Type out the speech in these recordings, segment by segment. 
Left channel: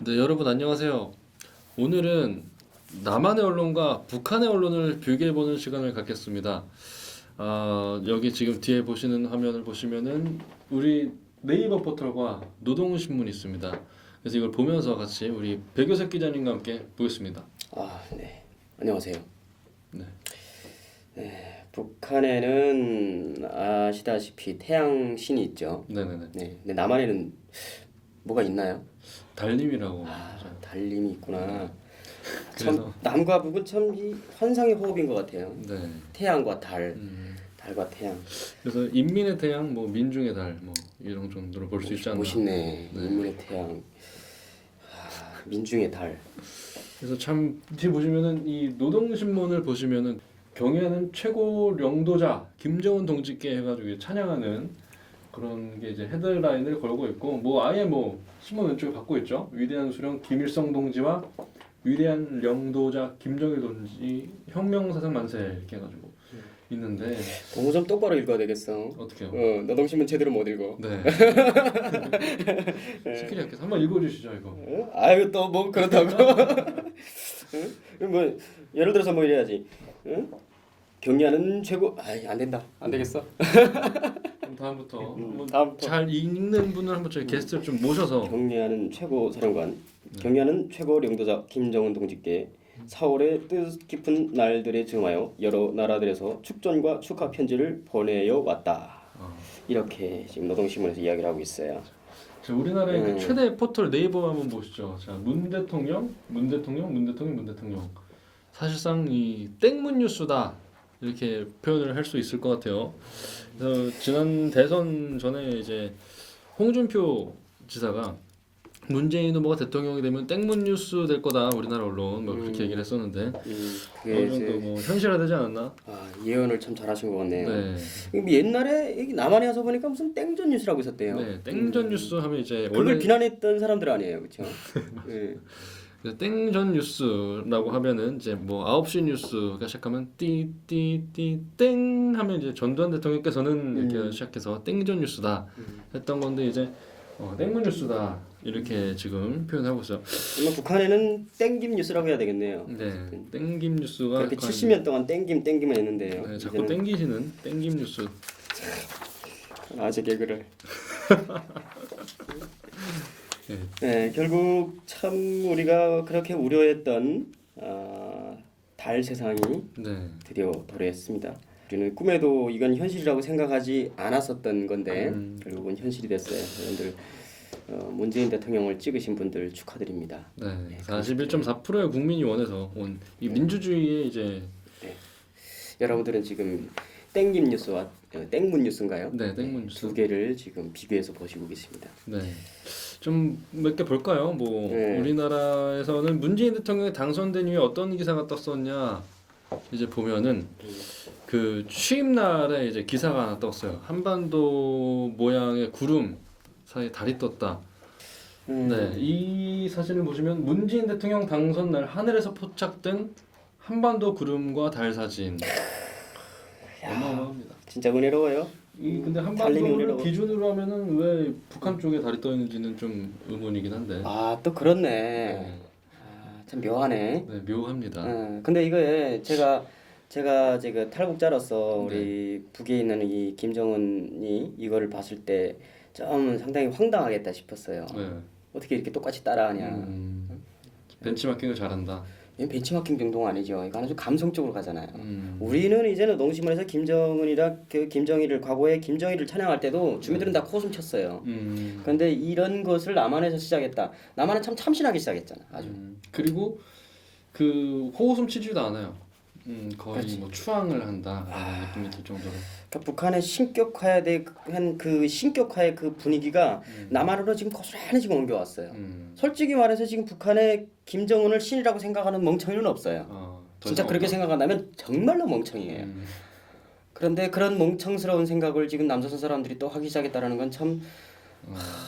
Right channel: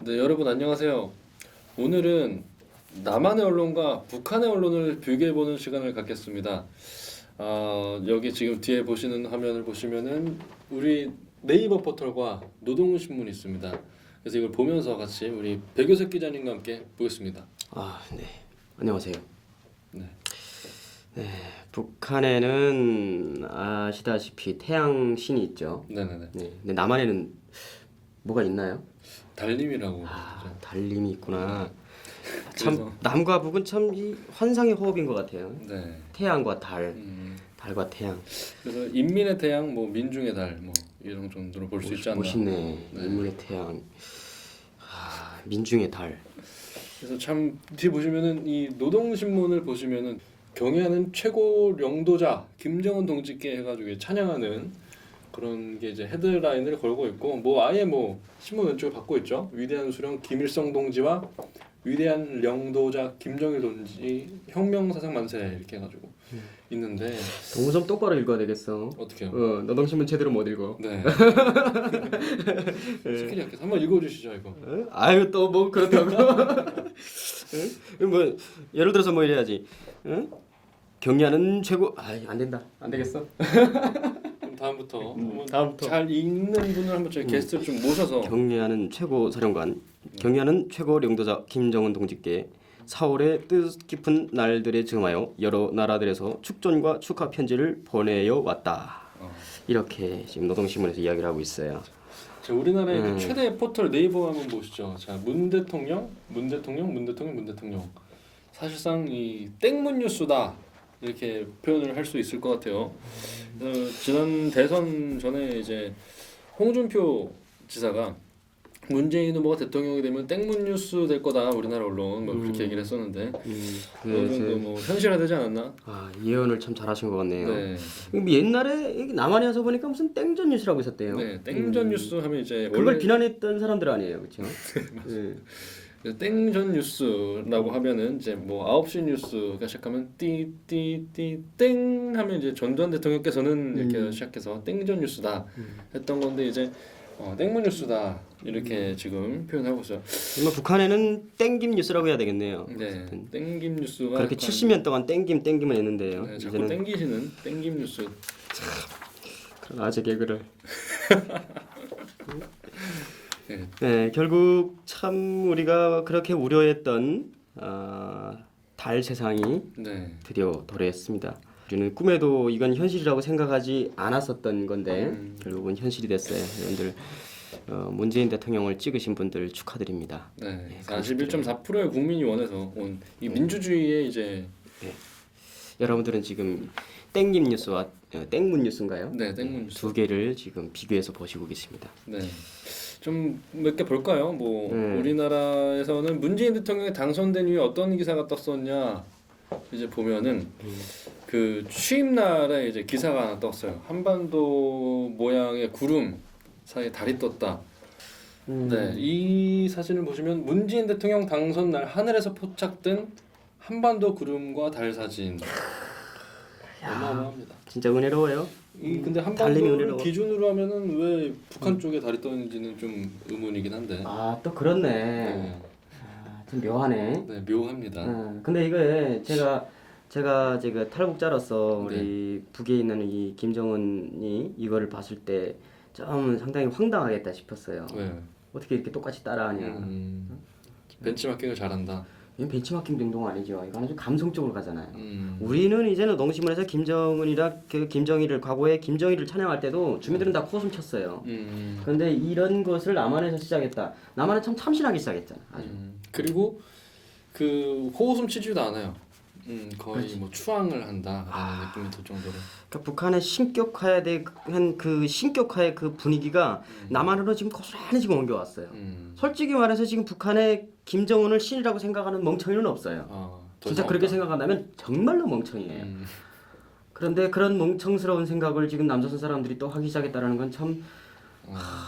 네, 여러분 안녕하세요. 오늘은 남한의 언론과 북한의 언론을 비교해보는 시간을 갖겠습니다. 여기 지금 뒤에 보시는 화면을 보시면은 우리 네이버 포털과 노동신문이 있습니다. 그래서 이걸 보면서 같이 우리 백효석 기자님과 함께 보겠습니다. 네. 안녕하세요. 네. 북한에는 아시다시피 태양신이 있죠. 네네네. 네. 근데 남한에는 뭐가 있나요? 달님이라고. 달림이 있구나. 그래서- 참 남과 북은 참 이 환상의 호흡인 것 같아요. 네. 태양과 달, 달과 태양. 그래서 인민의 태양, 뭐 민중의 달, 뭐 이런 정도로 볼 수 있지 않나. 멋있네. 인문의 태양. 민중의 달. 그래서 참 뒤에 보시면은 이 노동신문을 보시면은 경애하는 최고領導자 김정은 동지께 해가지고 찬양하는 그런 게 이제 헤드라인을 걸고 있고 뭐 아예 뭐 신문 왼쪽에 받고 있죠. 위대한 수령 김일성 동지와 위대한領導자 김정일 동지 혁명사상 만세 이렇게 해가지고 있는데 동우 좀 똑바로 읽어야 되겠어. 어떻게요? 노동신문 제대로 못 읽어. 네. 시키지 않겠어. 한번 읽어주시죠 이거. 아유 또 뭐 그렇다고? 뭐 예를 들어서 뭐 이래야지. 경리하는 최고. 안 된다. 안 되겠어. 그럼 다음부터 다음부터. 잘 읽는 분을 한번 저희 게스트 좀 모셔서 경리하는 최고 사령관, 경리하는 최고領導자 김정은 동지께 4월의 뜻깊은 날들에 즈음하여 여러 나라들에서 축전과 축하 편지를 보내어 왔다. 이렇게 지금 노동신문에서 이야기를 하고 있어요. 자, 우리나라의 그 최대 포털 네이버 한번 보시죠. 자, 문 대통령. 사실상 이 땡문 뉴스다 이렇게 표현을 할 수 있을 것 같아요. 그래서 지난 대선 전에 이제 홍준표 지사가 문재인 후보가 대통령이 되면 땡문 뉴스 될 거다 우리나라 언론 뭐 그렇게 얘기를 했었는데 어느 정도 뭐 현실화되지 않았나? 예언을 참 잘하신 것 같네요. 네. 옛날에 여기 남한에 와서 보니까 무슨 땡전 뉴스라고 있었대요. 네, 땡전 뉴스 하면 이제 그걸 원래 비난했던 사람들 아니에요, 그렇죠? 예. 그래서 땡전 뉴스라고 하면은 이제 뭐 9시 뉴스가 시작하면 띠띠띠 땡 하면 이제 전두환 대통령께서는 이렇게 시작해서 땡전 뉴스다 했던 건데 이제 땡문 뉴스다 이렇게 지금 표현하고 있어요. 정말 북한에는 땡김 뉴스라고 해야 되겠네요. 네, 땡김 뉴스가 그렇게 약간 70년 동안 땡김을 했는데요. 네, 자꾸 땡기시는 땡김 뉴스. 아재 개그를. 네. 네, 결국 참 우리가 그렇게 우려했던 달 세상이 네. 드디어 도래했습니다. 우리는 꿈에도 이건 현실이라고 생각하지 않았었던 건데 결국은 현실이 됐어요. 여러분들 문재인 대통령을 찍으신 분들 축하드립니다. 네, 41.4%의 국민이 원해서 온 이 민주주의의 이제 여러분들은 지금 땡김 뉴스와 땡문 뉴스인가요? 네, 땡문 뉴스. 두 개를 지금 비교해서 보시고 계십니다. 네. 좀 몇 개 볼까요? 뭐 우리나라에서는 문재인 대통령이 당선된 이후에 어떤 기사가 떴었냐 이제 보면은 그 취임 날에 이제 기사가 하나 떴어요. 한반도 모양의 구름 사이에 달이 떴다. 네, 이 사진을 보시면 문재인 대통령 당선 날 하늘에서 포착된 한반도 구름과 달 사진. 어마어마합니다. 진짜 은혜로워요. 근데 달림이 한반도를 은혜로워. 기준으로 하면은 왜 북한 쪽에 달이 떠 있는지는 좀 의문이긴 한데. 또 그렇네. 네, 참 묘하네. 네, 묘합니다. 근데 이거에 제가 지금 탈북자로서 우리 북에 있는 이 김정은이 이거를 봤을 때 좀 상당히 황당하겠다 싶었어요. 네. 어떻게 이렇게 똑같이 따라하냐. 벤치마킹을 잘한다. 이건 벤치마킹 정도가 아니죠. 이거 아주 감성적으로 가잖아요. 우리는 이제는 노동신문에서 김정은이랑 그 김정일을 과거에 김정일을 찬양할 때도 주민들은 다 코웃음 쳤어요. 그런데 이런 것을 남한에서 시작했다. 남한은 참 참신하게 시작했잖아. 아주. 그리고 그 호웃음 치지도 않아요. 거의 뭐 추앙을 한다 느낌이 들 정도로. 그러니까 북한의 신격화에 대한 그 신격화의 그 분위기가 남한으로 지금 고스란히 지금 옮겨왔어요. 솔직히 말해서 지금 북한의 김정은을 신이라고 생각하는 멍청이는 없어요. 진짜 그렇게 생각한다면 정말로 멍청이에요. 그런데 그런 멍청스러운 생각을 지금 남조선 사람들이 또 하기 시작했다는 건 참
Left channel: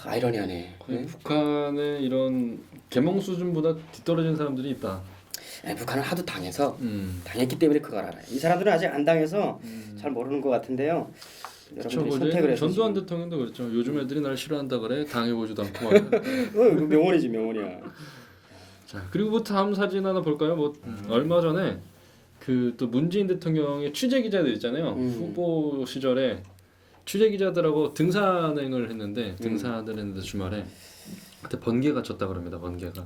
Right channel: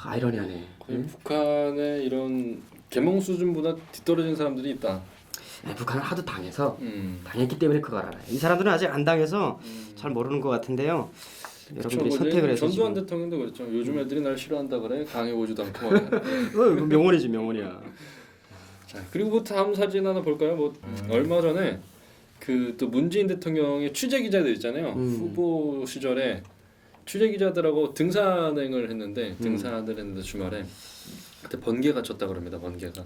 아이러니하네. 북한의 이런 계몽 수준보다 뒤떨어진 사람들이 있다. 북한을 하도 당했기 때문에 그걸 알아요. 이 사람들은 아직 안 당해서 잘 모르는 것 같은데요. 여러분들이 선택을 해서 전두환 대통령도 그랬죠. 요즘 애들이 날 싫어한다 그래 강해 보지도 않고 말이야. 명언이지 명언이야. 자 그리고 뭐 다음 사진 하나 볼까요? 뭐 얼마 전에 그 또 문재인 대통령의 취재 기자들 있잖아요. 후보 시절에 취재 기자들하고 등산을 했는데 주말에 그때 번개가 쳤다 그럽니다. 번개가.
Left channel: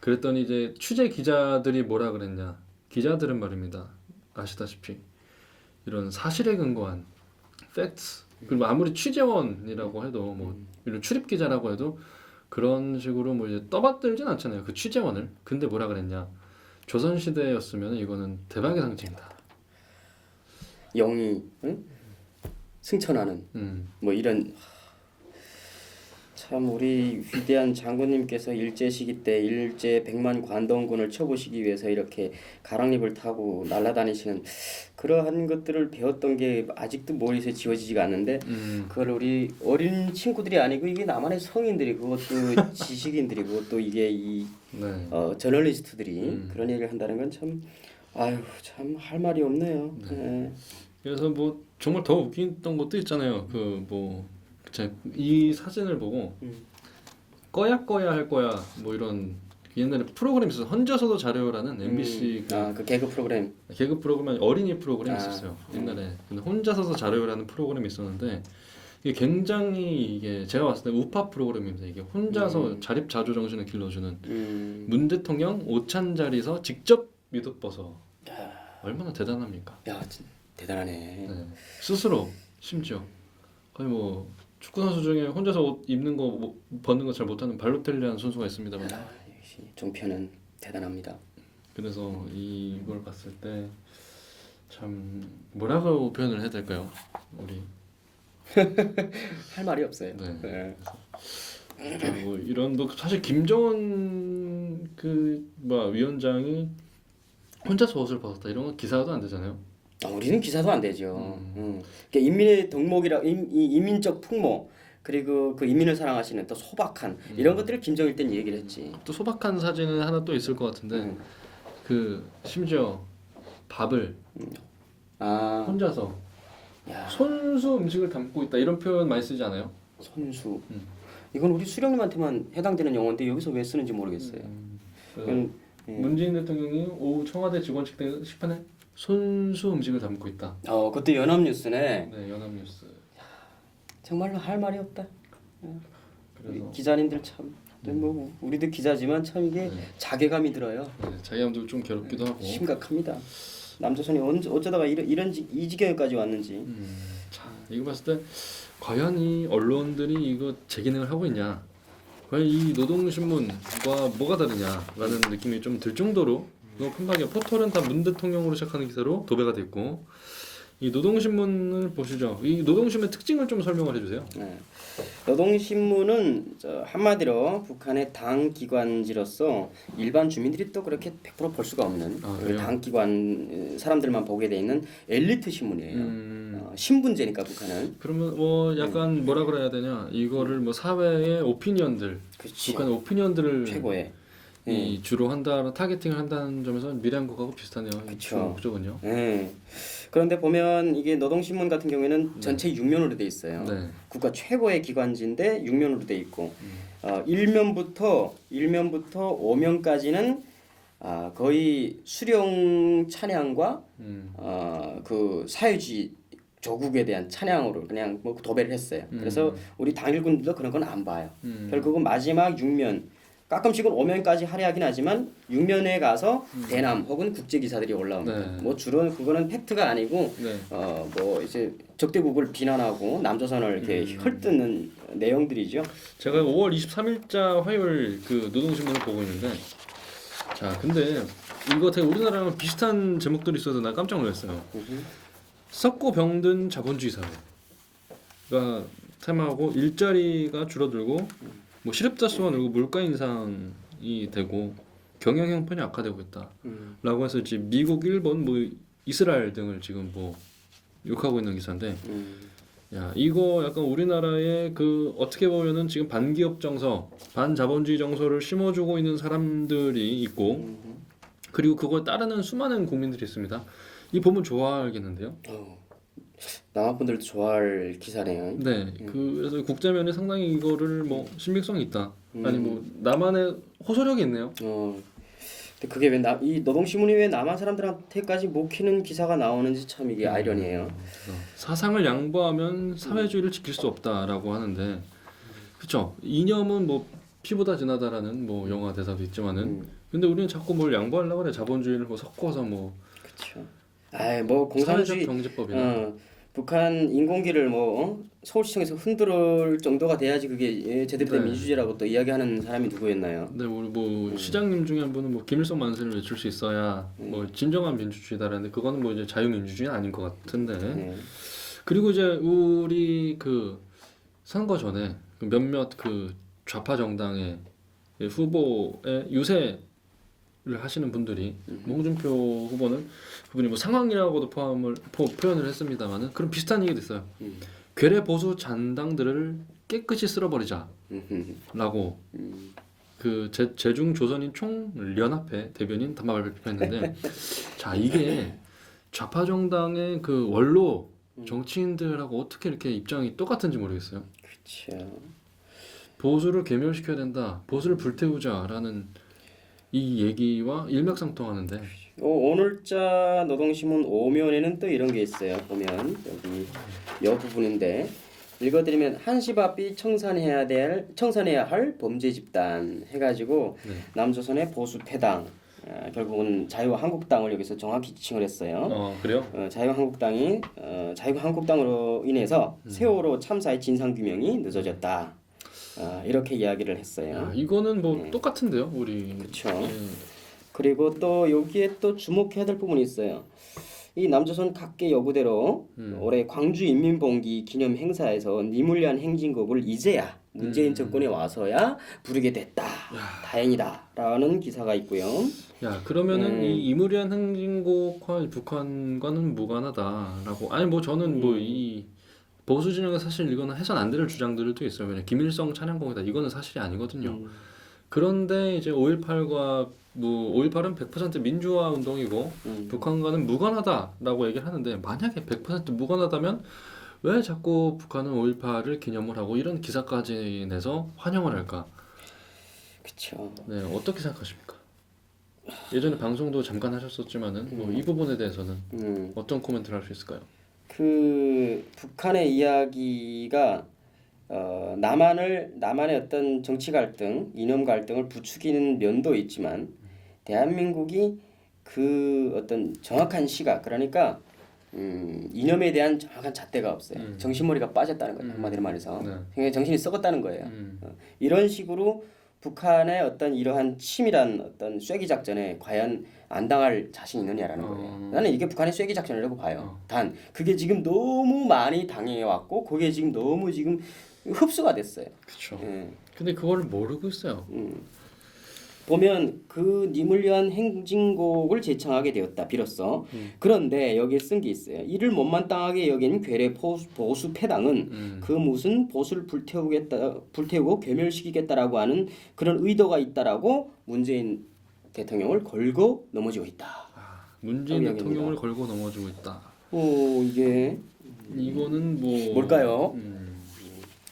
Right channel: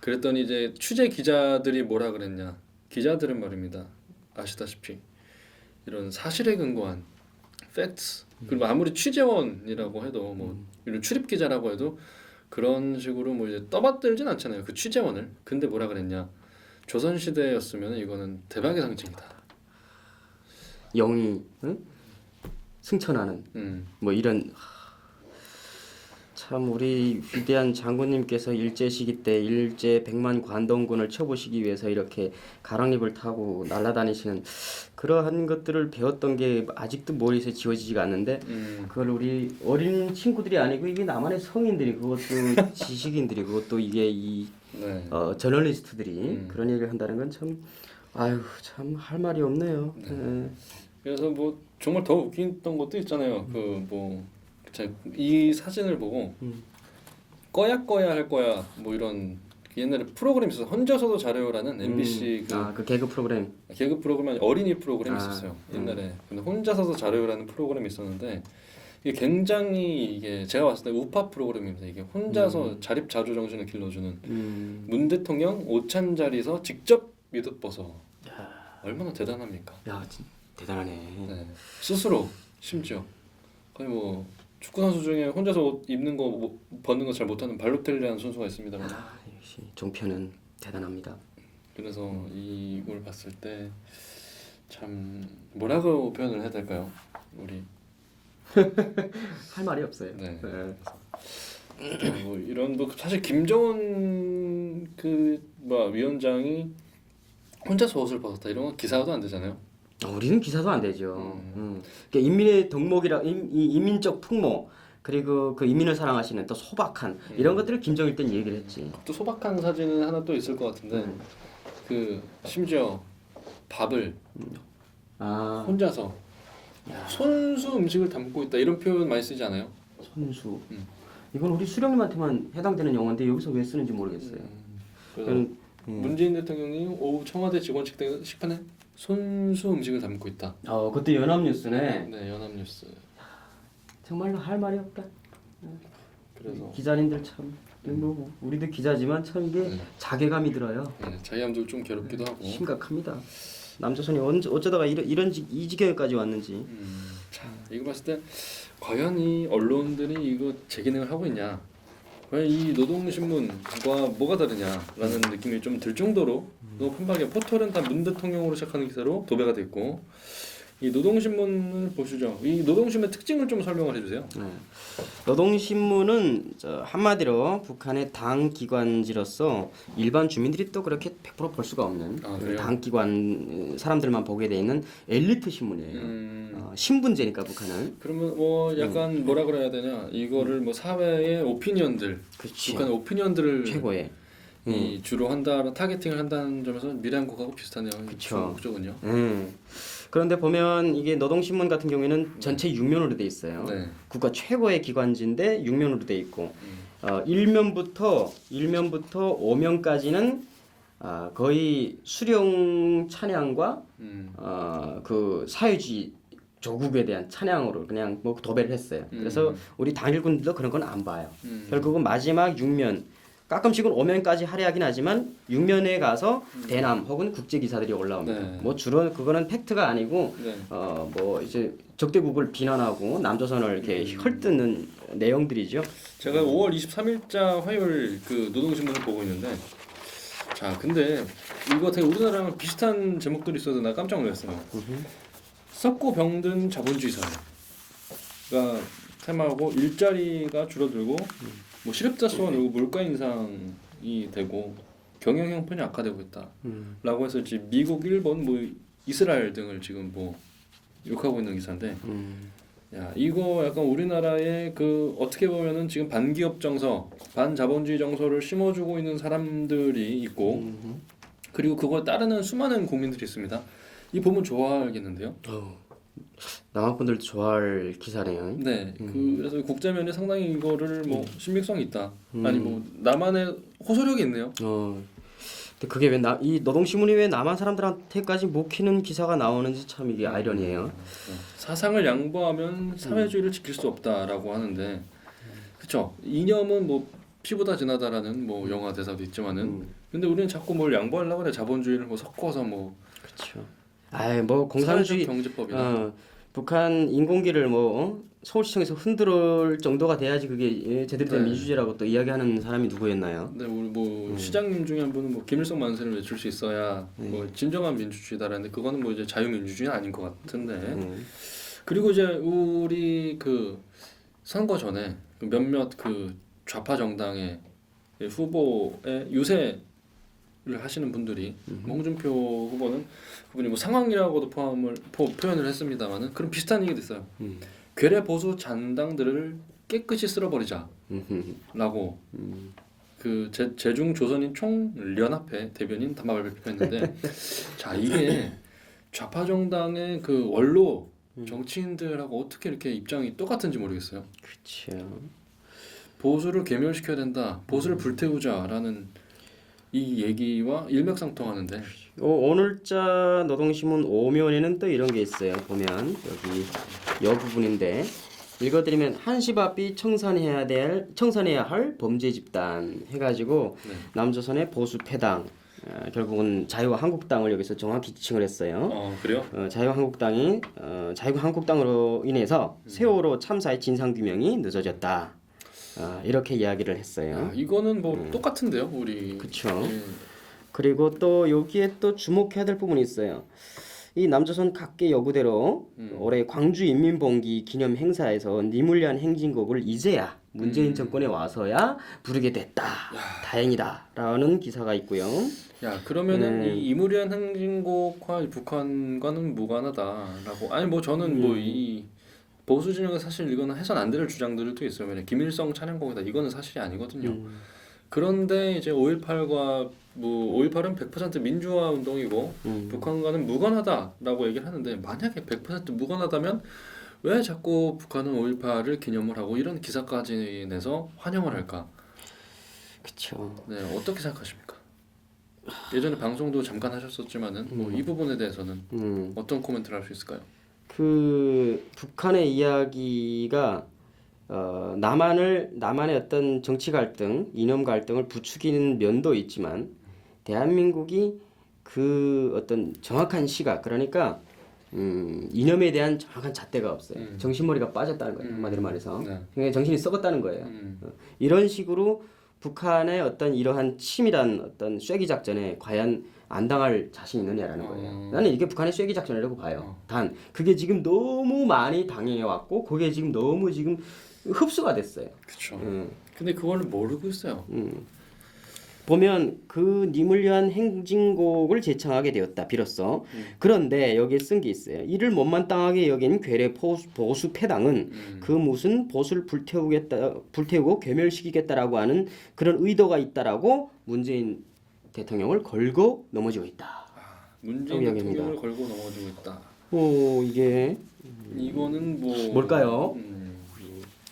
그랬더니 이제 취재 기자들이 뭐라 그랬냐? 기자들은 말입니다. 아시다시피 이런 사실에 근거한 팩트 그리고 아무리 취재원이라고 해도 뭐 이런 출입 기자라고 해도 그런 식으로 뭐 이제 떠받들진 않잖아요. 그 취재원을. 근데 뭐라 그랬냐? 조선 시대였으면 이거는 대박의 상징이다. 영이 승천하는 뭐 이런 참 우리 위대한 장군님께서 일제 시기 때 일제 100만 관동군을 쳐보시기 위해서 이렇게 가랑잎을 타고 날아다니시는 그러한 것들을 배웠던 게 아직도 머리에서 지워지지가 않는데 그걸 우리 어린 친구들이 아니고 이게 나만의 성인들이 그것도 지식인들이 그것도 이게 이 저널리스트들이 그런 얘기를 한다는 건 참 아유 참 할 말이 없네요. 네. 그래서 뭐 정말 더 웃겼던 것도 있잖아요. 이 사진을 보고 꺼야 할 거야 뭐 이런 옛날에 프로그램 있었어. 혼자서도 잘해요라는 MBC 그 개그 프로그램 개그 프로그램 어린이 프로그램 있었어요. 옛날에. 근데 혼자서도 잘해요라는 프로그램이 있었는데 이게 굉장히 이게 제가 봤을 때 우파 프로그램입니다. 이게 혼자서 자립자조 정신을 길러주는 문 대통령 오찬자리에서 직접 미덕버섯 얼마나 대단합니까? 야 대단하네. 네. 스스로 심지어 거의 뭐 축구 선수 중에 혼자서 옷 입는 거 벗는 거 잘 못하는 발로텔리라는 선수가 있습니다만 역시 종편은 대단합니다. 그래서 이걸 봤을 때 참 뭐라고 표현을 해야 될까요? 우리 할 말이 없어요. 네. 뭐 이런 뭐 사실 김정은 위원장이 혼자서 옷을 벗었다 이런 거 기사도 안 되잖아요. 우리는 기사도 안 되죠. 그러니까 인민의 덕목이라 인민적 풍모 그리고 그 인민을 사랑하시는 또 소박한 이런 것들을 김정일 때는 얘기를 했지. 또 소박한 사진은 하나 또 있을 것 같은데 그 심지어 밥을 혼자서 손수 음식을 담고 있다 이런 표현 많이 쓰지 않아요? 손수. 이건 우리 수령님한테만 해당되는 용어인데 여기서 왜 쓰는지 모르겠어요. 문재인 대통령이 오후 청와대 직원 식판에 손수 음식을 담고 있다. 그때 연합뉴스네. 네, 연합뉴스. 정말로 할 말이 없다. 그래서 기자님들 참, 뭐 우리도 기자지만 참 이게 자괴감이 들어요. 네, 자기감도 좀 괴롭기도 하고. 심각합니다. 남조선이 어쩌다가 이 지경까지 왔는지. 자, 이거 봤을 때 과연 이 언론들이 이거 제 기능을 하고 있냐? 과연 이 노동신문과 뭐가 다르냐라는 느낌이 좀 들 정도로 너무 편박해. 포털은 다 문 대통령으로 시작하는 기사로 도배가 됐고 이 노동신문을 보시죠. 이 노동신문의 특징을 좀 설명을 해주세요. 네. 노동신문은 한마디로 북한의 당 기관지로서 일반 주민들이 또 그렇게 100% 볼 수가 없는 당 기관 사람들만 보게 돼 있는 엘리트 신문이에요. 신분제니까 북한은. 그러면 뭐 약간 뭐라 그래야 되냐? 이거를 뭐 사회의 오피니언들, 북한의 오피니언들을 최고의 주로 한다는 타겟팅을 한다는 점에서 미래한국하고 비슷하네요. 그렇죠. 목적은요. 그런데 보면 이게 노동신문 같은 경우에는 전체 6면으로 돼 있어요. 국가 최고의 기관지인데 6면으로 돼 있고 1면부터 5면까지는 거의 수령 찬양과 그 사회주의 조국에 대한 찬양으로 그냥 뭐 도배를 했어요. 그래서 우리 당일군들도 그런 건 안 봐요. 결국은 마지막 6면 가끔씩은 5면까지 할애하긴 하지만 6면에 가서 대남 혹은 국제 기사들이 올라옵니다. 뭐 주로 그거는 팩트가 아니고 뭐 이제 적대국을 비난하고 남조선을 이렇게 헐뜯는 내용들이죠. 제가 5월 23일자 화요일 그 노동신문을 보고 있는데 자 근데 이거 되게 우리나라랑 비슷한 제목들이 있어서 나 깜짝 놀랐어요. 썩고 병든 자본주의 사회가 테마고 일자리가 줄어들고 뭐 실업자 수가 늘고 물가 인상이 되고 경영 형편이 악화되고 있다라고 해서 지금 미국, 일본, 뭐 이스라엘 등을 지금 뭐 욕하고 있는 기사인데, 야 이거 약간 우리나라의 그 어떻게 보면은 지금 반기업 정서, 반자본주의 정서를 심어주고 있는 사람들이 있고, 그리고 그걸 따르는 수많은 국민들이 있습니다. 이 보면 좋아하겠는데요. 남한 분들도 좋아할 기사네요. 네, 그래서 국제면에 상당히 이거를 뭐 신빙성이 있다. 아니 뭐 남한의 호소력이 있네요. 근데 그게 왜 이 노동신문이 왜 남한 사람들한테까지 먹히는 기사가 나오는지 참 이게 아이러니해요. 사상을 양보하면 사회주의를 지킬 수 없다라고 하는데, 그렇죠. 이념은 뭐 피보다 진하다라는 뭐 영화 대사도 있지만은, 근데 우리는 자꾸 뭘 양보하려고 그래. 자본주의를 뭐 섞어서 뭐. 그렇죠. 아이 뭐 사회적 공산주의 경제법이나. 북한 인공기를 뭐 서울시청에서 흔들 정도가 돼야지 그게 제대로 된 네. 민주주의라고 또 이야기하는 사람이 누구였나요? 네, 우리 뭐 시장님 중에 한 분은 뭐 김일성 만세를 외칠 수 있어야 뭐 진정한 민주주의다라는데 그거는 뭐 이제 자유민주주의는 아닌 것 같은데. 그리고 이제 우리 그 선거 전에 그 몇몇 그 좌파 정당의 그 후보의 유세를 하시는 분들이 홍준표 후보는 그분이 뭐 상황이라고도 표현을 했습니다만은 그런 비슷한 얘기도 있어요. 괴뢰 보수 잔당들을 깨끗이 쓸어버리자라고 그 제중 조선인 총연합회 대변인 담화를 발표했는데 자 이게 좌파 정당의 그 원로 정치인들하고 어떻게 이렇게 입장이 똑같은지 모르겠어요. 그렇죠. 보수를 괴멸시켜야 된다, 보수를 불태우자라는 이 얘기와 일맥상통하는데 오늘자 노동신문 오면에는 또 이런 게 있어요. 보면 여기 여 부분인데 읽어드리면 한시바삐 청산해야 할 범죄 집단 해가지고 남조선의 보수 패당 결국은 자유한국당을 여기서 정확히 지칭을 했어요. 그래요? 자유한국당이 자유한국당으로 인해서 세월호 참사의 진상 규명이 늦어졌다. 이렇게 이야기를 했어요. 야, 이거는 뭐 똑같은데요, 우리. 그렇죠. 그리고 또 여기에 또 주목해야 될 부분이 있어요. 이 남조선 각계 요구대로 올해 광주 인민봉기 기념 행사에서 니물리안 행진곡을 이제야 문재인 정권에 와서야 부르게 됐다. 다행이다라는 기사가 있고요. 야 그러면은 이 이무리한 행진곡과 북한과는 무관하다라고. 아니 뭐 저는 뭐 이 보수 진영은 사실 이거는 해선 안 될 주장들도 있어요. 왜냐 김일성 찬양곡이다 이거는 사실이 아니거든요. 그런데 이제 5.18과 뭐 5.18은 100% 민주화 운동이고 북한과는 무관하다라고 얘기를 하는데 만약에 100% 무관하다면 왜 자꾸 북한은 5.18을 기념을 하고 이런 기사까지 내서 환영을 할까? 그렇죠. 네, 어떻게 생각하십니까? 예전에 방송도 잠깐 하셨었지만은 뭐 이 부분에 대해서는 어떤 코멘트를 할 수 있을까요? 그 북한의 이야기가 남한의 어떤 정치 갈등, 이념 갈등을 부추기는 면도 있지만 대한민국이 그 어떤 정확한 시각, 그러니까 이념에 대한 정확한 잣대가 없어요. 정신머리가 빠졌다는 거예요. 한마디로 말해서 굉장히 정신이 썩었다는 거예요. 이런 식으로 북한의 어떤 이러한 치밀한 어떤 쐐기 작전에 과연 안 당할 자신 있느냐라는 거예요. 나는 이게 북한의 쐐기 작전이라고 봐요. 단 그게 지금 너무 많이 당해 왔고 그게 지금 너무 지금 흡수가 됐어요. 그렇죠. 근데 그걸 모르고 있어요. 보면 그 니물리안 행진곡을 제창하게 되었다 비로소. 그런데 여기에 쓴 게 있어요. 이를 못마땅하게 여긴 괴뢰 보수 패당은 그 무슨 보수를 불태우고 괴멸시키겠다라고 하는 그런 의도가 있다라고 문재인 대통령을 걸고 넘어지고 있다. 문재인 대통령을 걸고 넘어지고 있다. 이게 이거는 뭐 뭘까요?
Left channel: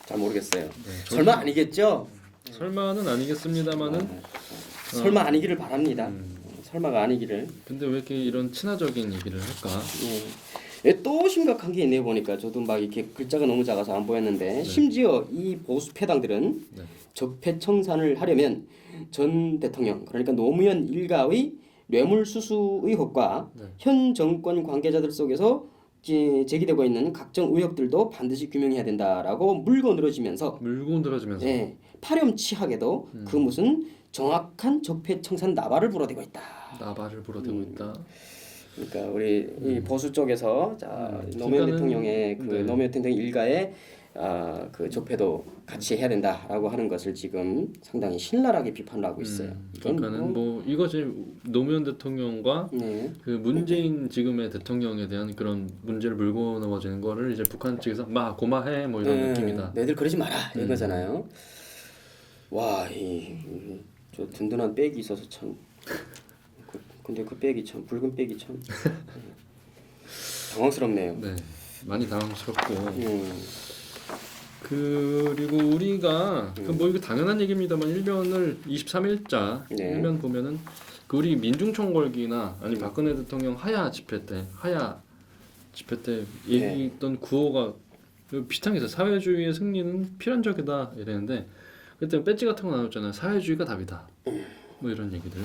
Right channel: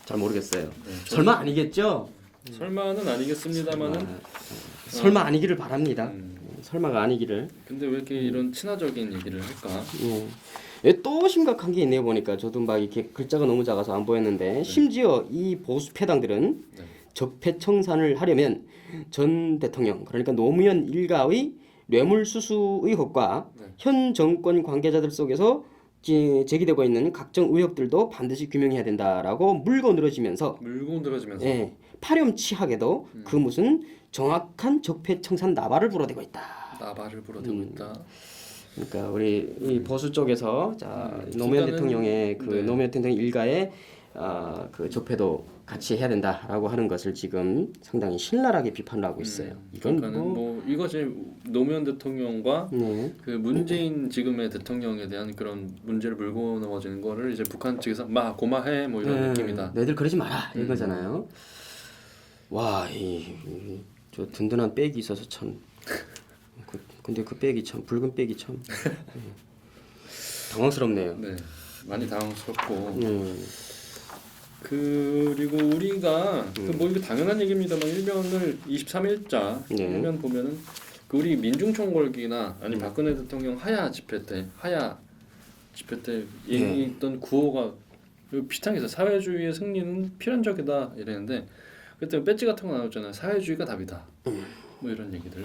잘 모르겠어요. 네, 설마 아니겠죠? 설마는 아니겠습니다만은 설마 아니기를 바랍니다. 설마가 아니기를. 근데 왜 이렇게 이런 친화적인 얘기를 할까? 또 심각한 게 있네요. 보니까 저도 막 이렇게 글자가 너무 작아서 안 보였는데 심지어 이 보수 패당들은 적폐청산을 하려면 전 대통령 그러니까 노무현 일가의 뇌물수수 의혹과 현 정권 관계자들 속에서 제기되고 있는 각종 의혹들도 반드시 규명해야 된다라고 물고 늘어지면서 파렴치하게도 그 무슨 정확한 적폐청산 나발을 불어대고 있다. 나발을 불어대고 있다. 그러니까 우리 이 보수 쪽에서 노무현 대통령의 노무현 대통령 일가의 그 적폐도 같이 해야 된다라고 하는 것을 지금 상당히 신랄하게 비판을 하고 있어요. 그러니까는 뭐 이것이 노무현 대통령과 그 문재인 지금의 대통령에 대한 그런 문제를 물고 넘어지는 거를 이제 북한 측에서 막 고마해 뭐 이런 느낌이다. 너희들 그러지 마라 이거잖아요. 와, 저 든든한 백이 있어서 참. 근데 그 백이 참 붉은 백이 참 당황스럽네요. 네. 많이 당황스럽고 그리고 우리가 뭐 이게 당연한 얘기입니다만 일면을 23일자 네. 일면 보면은 그 우리 민중총궐기나 아니면 박근혜 대통령 하야 집회 때 네. 있던 구호가 비슷하게 사회주의의 승리는 필연적이다 이랬는데 그때 배지 같은 거 나왔잖아요. 사회주의가 답이다. 뭐 이런 얘기들.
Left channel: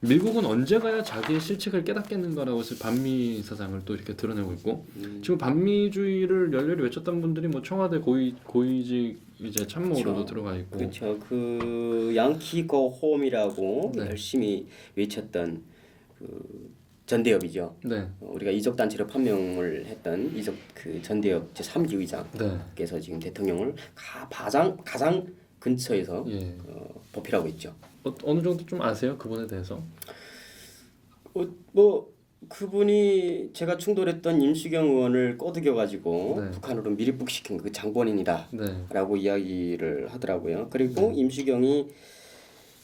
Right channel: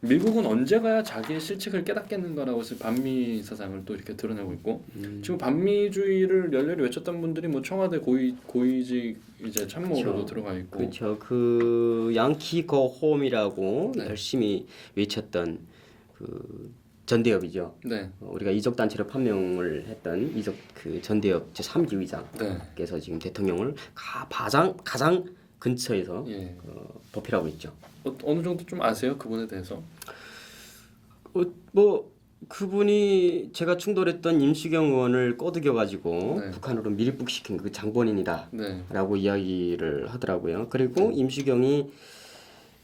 미국은 언제 가야 자기의 실책을 깨닫겠는가라고 해서 반미 사상을 또 이렇게 드러내고 있고 지금 반미주의를 열렬히 외쳤던 분들이 뭐 청와대 고위직 이제 참모로도 그렇죠. 들어가 있고 그렇죠. 그 양키 고 홈이라고 네. 열심히 외쳤던 그 전대협이죠. 네. 우리가 이적 단체로 판명을 했던 이적 그 전대협 제 3기 의장께서 네. 지금 대통령을 가장 근처에서 예. 보필하고 있죠. 어느 정도 좀 아세요 그분에 대해서? 뭐 그분이 제가 충돌했던 임시경 의원을 꼬드겨 가지고 네. 북한으로 밀입국시킨 그 장본인이다라고 네. 이야기를 하더라고요. 그리고 임시경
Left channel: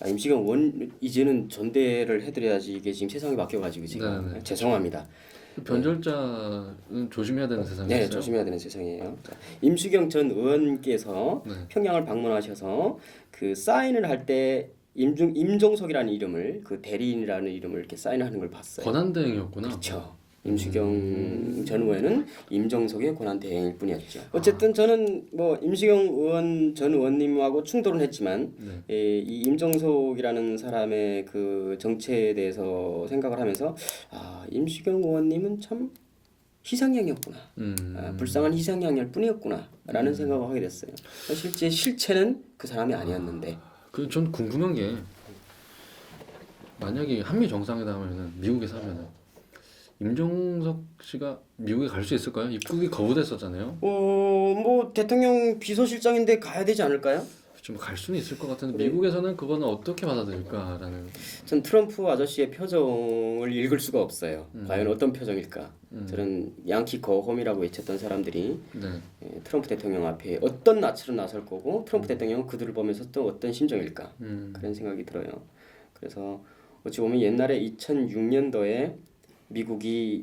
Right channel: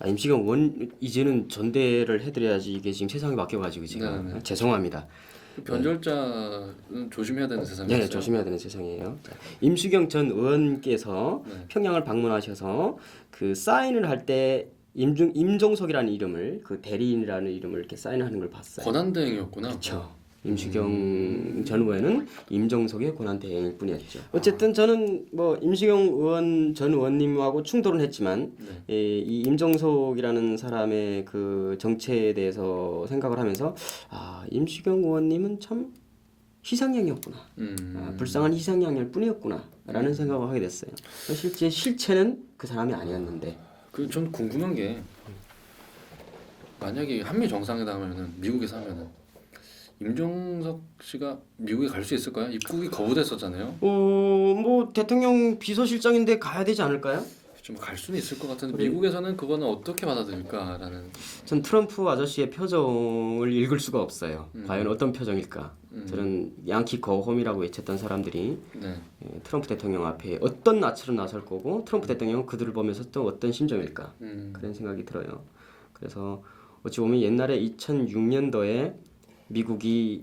의원 이제는 전대를 해드려야지 이게 지금 세상이 바뀌어가지고 지금 네. 죄송합니다. 그 변절자는 조심해야 되는 세상이었어요. 네, 조심해야 되는 세상이에요. 임수경 전 의원께서 네. 평양을 방문하셔서 그 사인을 할 때 임종석이라는 이름을 그 대리인이라는 이름을 이렇게 사인하는 걸 봤어요. 권한대행이었구나. 그렇죠. 임수경 전 의원은 임종석의 권한 대행일 뿐이었죠. 어쨌든 저는 뭐 임수경 의원 전 의원님하고 충돌은 했지만 네. 이 임종석이라는 사람의 그 정체에 대해서 생각을 하면서 임수경 의원님은 참 희생양이었구나. 불쌍한 희생양일 뿐이었구나라는 생각을 하게 됐어요. 실제 실체는 그 사람이 아니었는데. 전 궁금한 게 만약에 한미 정상회담을 미국에서 하면은 임종석 씨가 미국에 갈 수 있을까요? 입국이 거부됐었잖아요. 뭐 대통령 비서실장인데 가야 되지 않을까요? 좀 갈 수는 있을 것 같은데 미국에서는 그거는 어떻게 받아들일까라는. 전 트럼프 아저씨의 표정을 읽을 수가 없어요. 과연 어떤 표정일까? 저는 양키 거홈이라고 외쳤던 사람들이 네. 트럼프 대통령 앞에 어떤 낯으로 나설 거고 트럼프 대통령은 그들을 보면서 또 어떤 심정일까? 그런 생각이 들어요. 그래서 어찌 보면 옛날에 2006년도에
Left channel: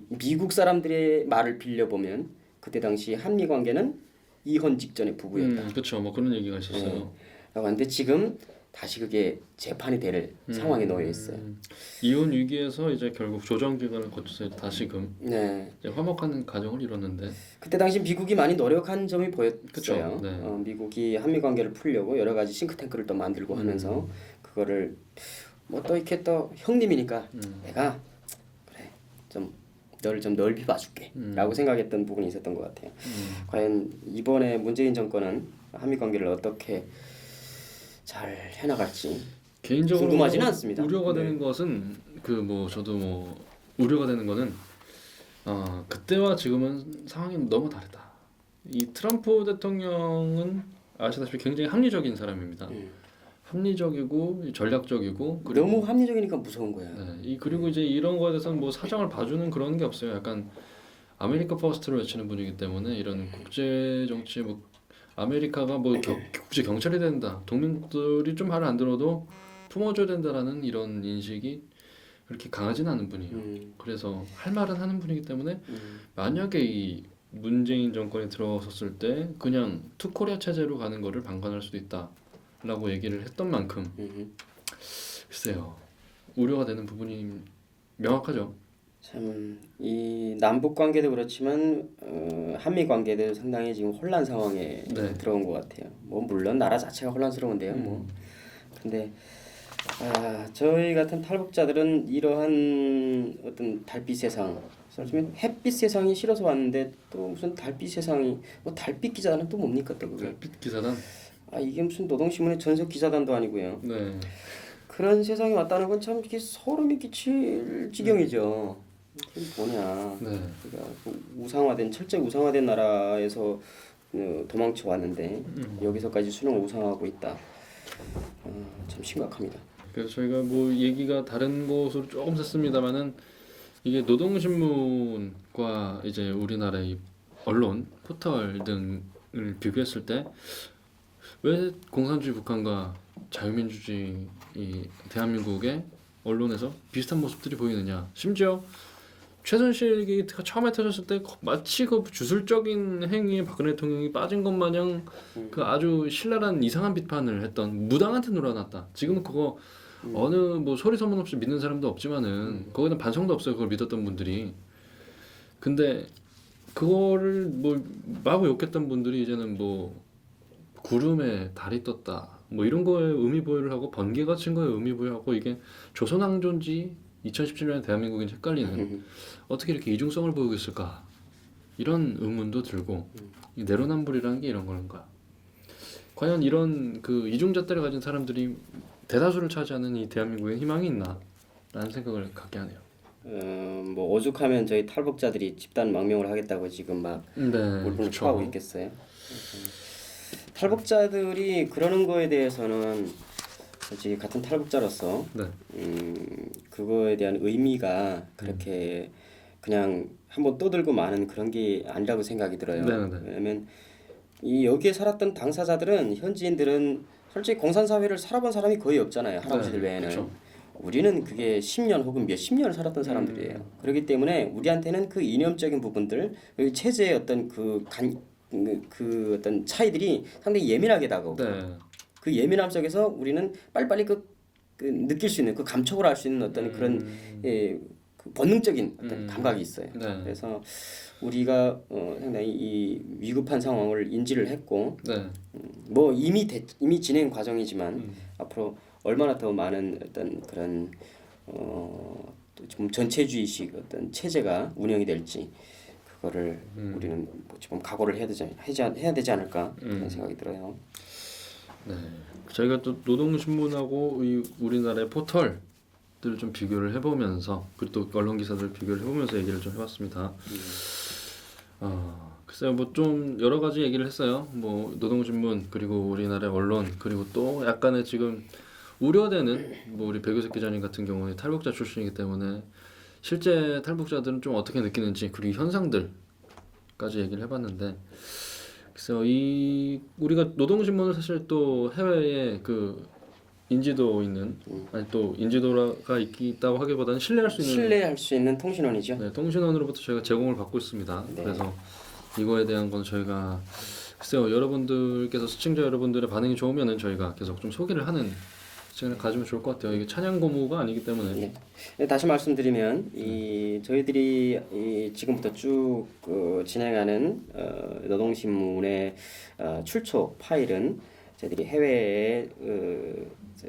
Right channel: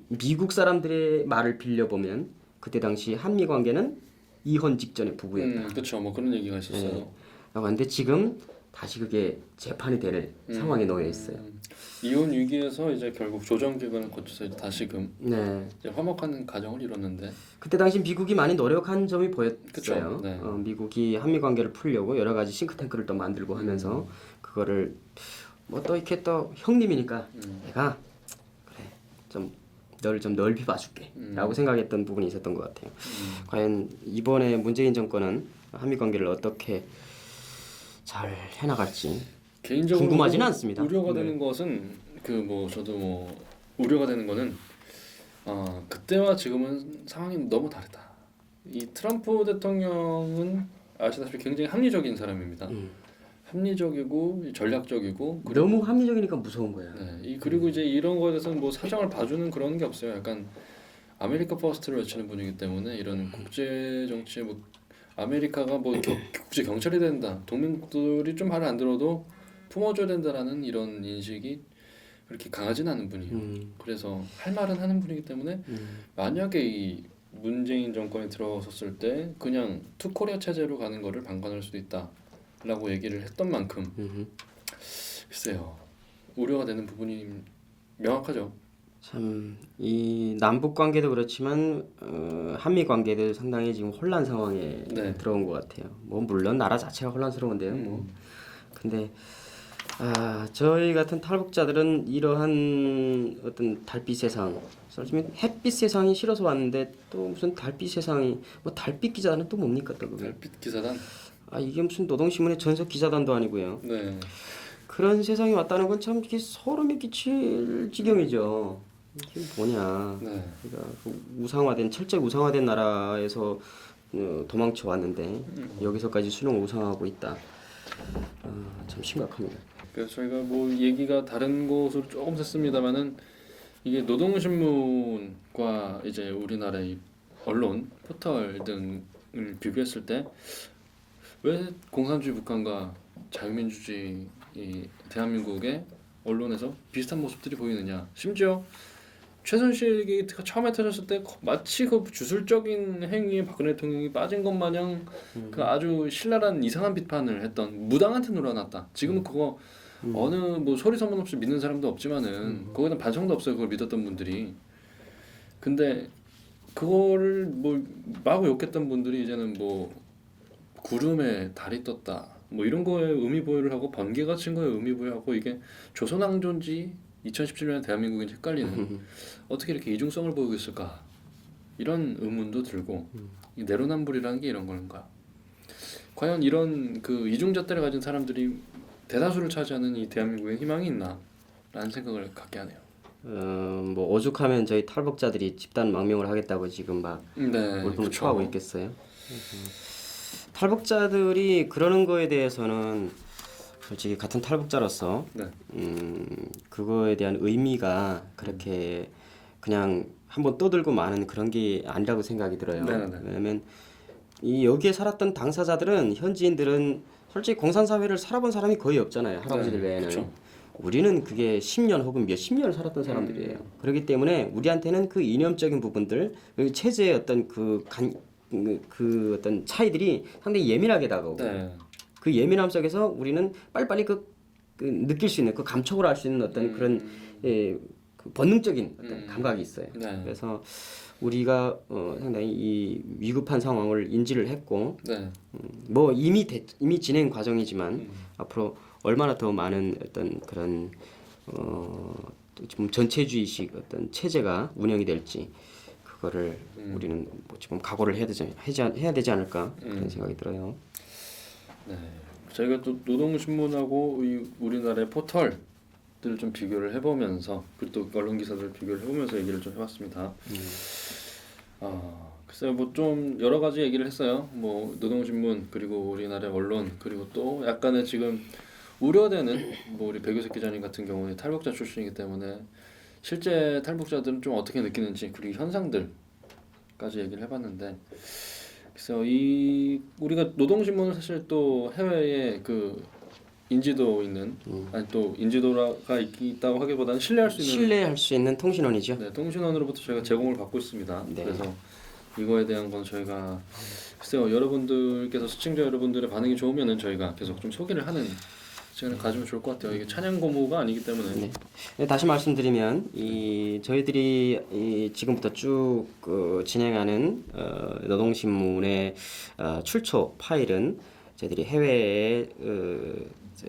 미국 사람들의 말을 빌려보면 그때 당시 한미 관계는 이혼 직전의 부부였다. 그렇죠. 뭐 그런 얘기가 있었어요. 라고 하는데 지금 다시 그게 재판이 될 상황에 놓여 있어요. 이혼 위기에서 이제 결국 조정 기간을 거쳐서 다시금 네. 이제 화목한 가정을 이뤘는데 그때 당시 미국이 많이 노력한 점이 보였어요. 그쵸, 네. 미국이 한미 관계를 풀려고 여러 가지 싱크탱크를 또 만들고 하면서 그거를 뭐 또 이렇게 또 형님이니까 내가 그래 좀 너를 좀 넓히 봐줄게라고 생각했던 부분이 있었던 것 같아요. 과연 이번에 문재인 정권은 한미 관계를 어떻게 잘 해나갈지 개인적으로 궁금하지는 않습니다. 우려가 되는 것은 저도 뭐 우려가 되는 거는 그때와 지금은 상황이 너무 다르다. 이 트럼프 대통령은 아시다시피 굉장히 합리적인 사람입니다. 합리적이고 전략적이고 너무 합리적이니까 무서운 거예요. 네, 그리고 이제 이런 거에 대해서 뭐 사정을 봐주는 그런 게 없어요. 약간 아메리카 퍼스트를 외치는 분이기 때문에 이런 국제 정치에 뭐 아메리카가 뭐 국제 경찰이 된다, 동맹국들이 좀 말을 안 들어도 품어줘야 된다라는 이런 인식이 그렇게 강하지는 않은 분이에요. 그래서 할 말은 하는 분이기 때문에 만약에 이 문재인 정권에 들어섰을 때 그냥 투코리아 체제로 가는 거를 방관할 수도 있다라고 얘기를 했던 만큼 글쎄요 우려가 되는 부분이 명확하죠. 참 이 남북 관계도 그렇지만 한미 관계도 상당히 지금 혼란 상황에 네. 들어온 것 같아요. 뭐 물론 나라 자체가 혼란스러운데요. 뭐 근데 저희 같은 탈북자들은 이러한 어떤 달빛 세상, 사실 햇빛 세상이 싫어서 왔는데 또 무슨 달빛 세상이 뭐 달빛 기자단은 또 뭡니까 또 그게? 달빛 기사단. 이게 무슨 노동신문의 전속 기자단도 아니고요. 네. 그런 세상이 왔다는 건 참 이게 소름이 끼칠 지경이죠. 이게 뭐냐? 네. 그러니까 철저히 우상화된 나라에서 도망쳐 왔는데 여기서까지 수능 우상화하고 있다. 참 심각합니다. 그래서 저희가 뭐 얘기가 다른 곳으로 조금 샜습니다만은 이게 노동신문과 이제 우리나라의 언론 포털 등을 비교했을 때 왜 공산주의 북한과 자유민주주의 이 대한민국의 언론에서 비슷한 모습들이 보이느냐. 심지어 최순실 게이트가 처음에 터졌을 때 마치 그 주술적인 행위에 박근혜 대통령이 빠진 것 마냥 그 아주 신랄한 이상한 비판을 했던 무당한테 놀아났다. 지금은 그거 어느 뭐 소리 소문 없이 믿는 사람도 없지만은 거기는 반성도 없어요. 그걸 믿었던 분들이. 근데 그거를 뭐 마구 욕했던 분들이 이제는 뭐 구름에 달이 떴다 뭐 이런 거에 의미 부여를 하고 번개가 친 거에 의미 부여하고 이게 조선왕조인지 2017년에 대한민국인지 헷갈리는 어떻게 이렇게 이중성을 보이고 있을까 이런 의문도 들고 이 내로남불이라는 게 이런 건가 과연 이런 그 이중잣대를 가진 사람들이 대다수를 차지하는 이 대한민국에 희망이 있나 라는 생각을 갖게 하네요. 뭐 오죽하면 저희 탈북자들이 집단 망명을 하겠다고 지금 막 울분을 토하고 있겠어요. 탈북자들이 그러는 거에 대해서는 솔직히 같은 탈북자로서 그거에 대한 의미가 그렇게 그냥 한번 떠들고 마는 그런 게 아니라고 생각이 들어요. 왜냐면 이 여기에 살았던 당사자들은 현지인들은 솔직히 공산사회를 살아본 사람이 거의 없잖아요. 할아버지들 외에는. 그쵸. 우리는 그게 10년 혹은 몇십 년을 살았던 사람들이에요. 그렇기 때문에 우리한테는 그 이념적인 부분들, 그 체제의 어떤 그 어떤 차이들이 상당히 예민하게 다가오고 그 예민함 속에서 우리는 빨리빨리 그 느낄 수 있는 그 감촉을 할 수 있는 어떤 그런 그 본능적인 어떤 감각이 있어요. 그래서 우리가 상당히 이 위급한 상황을 인지를 했고 뭐 이미 진행 과정이지만 앞으로 얼마나 더 많은 어떤 그런 좀 전체주의식 어떤 체제가 운영이 될지 그거를 우리는 뭐 지금 각오를 해야 되지 않을까 그런 생각이 들어요. 네, 저희가 또 노동신문하고 우리나라의 포털들을 좀 비교를 해보면서 그리고 또 언론 기사들을 비교를 해보면서 얘기를 좀 해봤습니다. 글쎄요, 뭐 좀 여러 가지 얘기를 했어요. 뭐 노동신문 그리고 우리나라의 언론 그리고 또 약간의 지금 우려되는 뭐 우리 백유석 기자님 같은 경우에 탈북자 출신이기 때문에 실제 탈북자들은 좀 어떻게 느끼는지 그리고 현상들까지 얘기를 해봤는데 글쎄요 우리가 노동신문은 사실 또 해외에 그 인지도 있는 아니 또 인지도가 있다고 하기보다는 신뢰할 수 있는 통신원이죠. 네, 통신원으로부터 저희가 제공을 받고 있습니다. 그래서 이거에 대한 건 저희가 글쎄요 여러분들께서 시청자 여러분들의 반응이 좋으면은 저희가 계속 좀 소개를 하는 시간을 가지면 좋을 것 같아요. 이게 찬양 고무가 아니기 때문에. 다시 말씀드리면 저희들이 지금부터 쭉 진행하는 노동신문의 출처 파일은 저희들이 해외에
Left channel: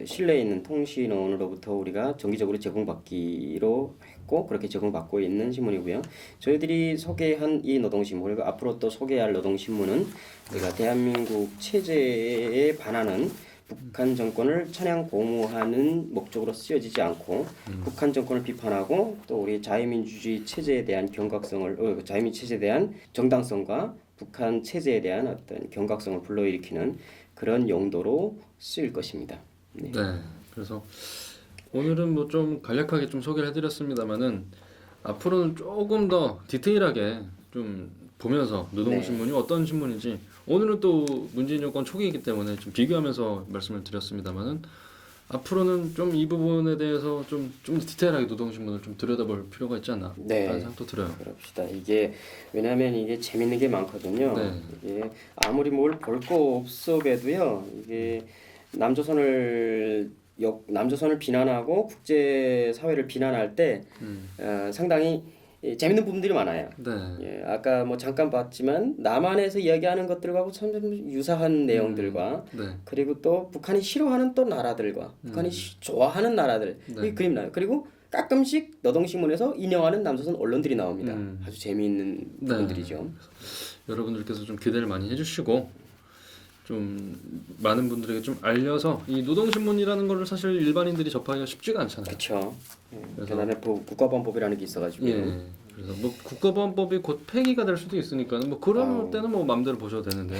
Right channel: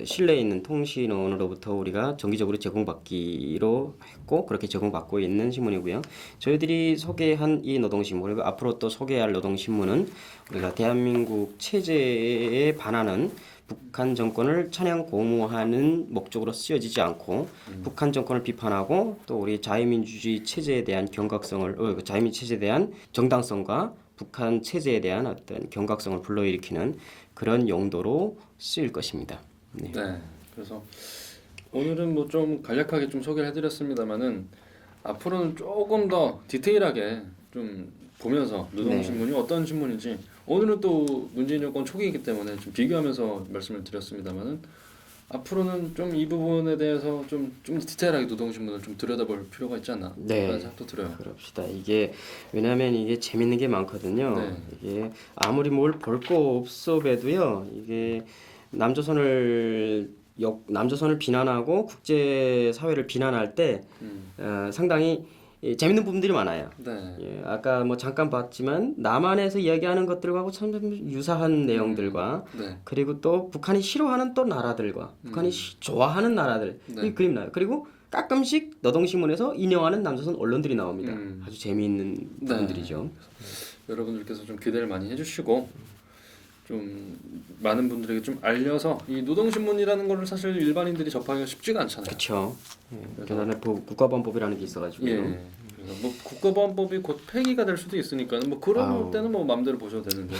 신뢰 있는 통신원으로부터 우리가 정기적으로 제공받기로 했고 그렇게 제공받고 있는 신문이고요. 저희들이 소개한 이 노동신문 그리고 앞으로 또 소개할 노동신문은 우리가 대한민국 체제에 반하는 북한 정권을 찬양 고무하는 목적으로 쓰여지지 않고 북한 정권을 비판하고 또 우리 자유민주주의 체제에 대한 경각성을 자유민주 체제에 대한 정당성과 북한 체제에 대한 어떤 경각성을 불러일으키는 그런 용도로 쓰일 것입니다. 네. 그래서 오늘은 뭐 좀 간략하게 좀 소개를 해드렸습니다만은 앞으로는 조금 더 디테일하게 좀 보면서 노동신문이 어떤 신문인지 오늘은 또 문재인 정권 초기이기 때문에 좀 비교하면서 말씀을 드렸습니다만은 앞으로는 좀 이 부분에 대해서 좀 디테일하게 노동신문을 좀 들여다볼 필요가 있지 않나 그런 생각도 들어요. 그럽시다. 이게 왜냐하면 이게 재밌는 게 많거든요. 이게 아무리 뭘 볼 거 없어봬도요. 이게 남조선을 비난하고 국제 사회를 비난할 때 상당히 재밌는 부분들이 많아요. 아까 뭐 잠깐 봤지만 남한에서 이야기하는 것들과고 참 유사한 내용들과 그리고 또 북한이 싫어하는 또 나라들과 북한이 좋아하는 나라들 이 그림 나요. 그리고 가끔씩 노동신문에서 인용하는 남조선 언론들이 나옵니다. 아주 재미있는 부분들이죠. 여러분들께서 좀 기대를 많이 해주시고 좀 많은 분들에게 좀 알려서 이 노동신문이라는 거를 사실 일반인들이 접하기가 쉽지가 않잖아요. 그렇죠. 대단한 국가보안법이라는 게 있어가지고. 그래서 뭐 국가보안법이 곧 폐기가 될 수도 있으니까 뭐 그런 때는 뭐 마음대로 보셔도 되는데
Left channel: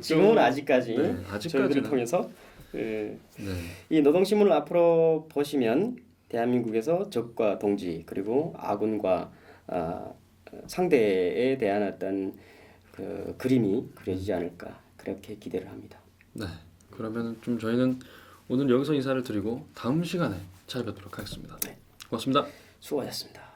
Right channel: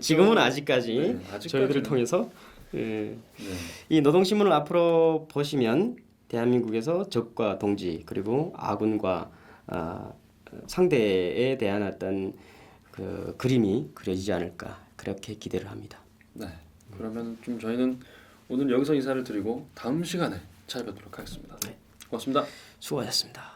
지금은 아직까지 저희들을 통해서 이 노동신문을 앞으로 보시면 대한민국에서 적과 동지 그리고 아군과 상대에 대한 어떤 그 그림이 그려지지 않을까 그렇게 기대를 합니다. 그러면 좀 저희는 오늘 여기서 인사를 드리고 다음 시간에 찾아뵙도록 하겠습니다. 고맙습니다. 수고하셨습니다.